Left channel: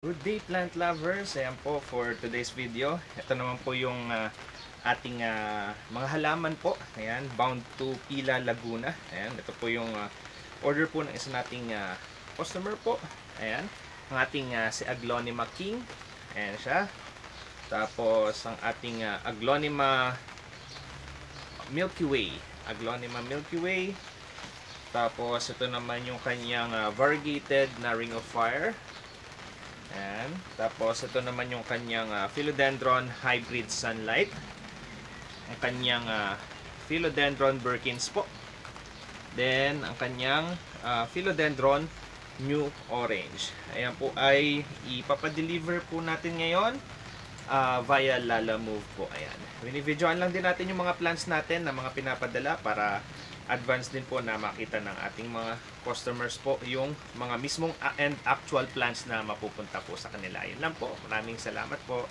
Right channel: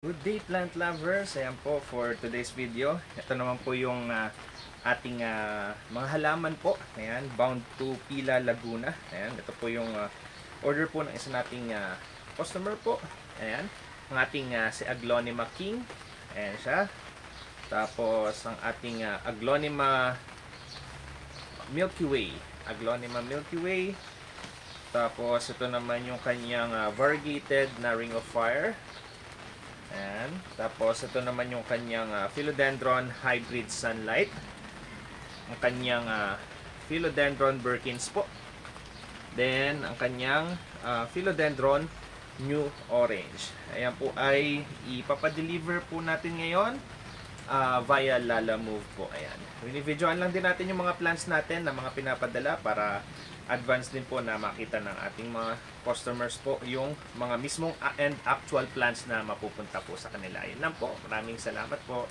Good day plant lovers, ayan po for today's video. Ito naman po yung ating mga halaman po. Ayan, bound to Pila, Laguna. Ayan, ito po yung order po ng isa nating customer po. Ayan, ang ating si Aglonema King. Ayan siya. Tapos ang ating Aglonema Milky Way. Aglonema Milky Way. Tapos ito naman yung kanyang variegated na Ring of Fire. Ayan. Tapos ito naman yung kanyang Philodendron Hybrid Sunlight. Ang kanyang Philodendron Birkins po. Then ang kanyang Philodendron New Orange. Ayan po ay ipapadeliver po natin ngayon via Lalamove po. Ayan. Binibidyoan lang din natin yung mga plans natin na mga pinapadala para advance din po na makita ng ating mga customers po yung mga mismong and actual plans na mapupunta po sa kanila. Yun lang po. Maraming salamat po.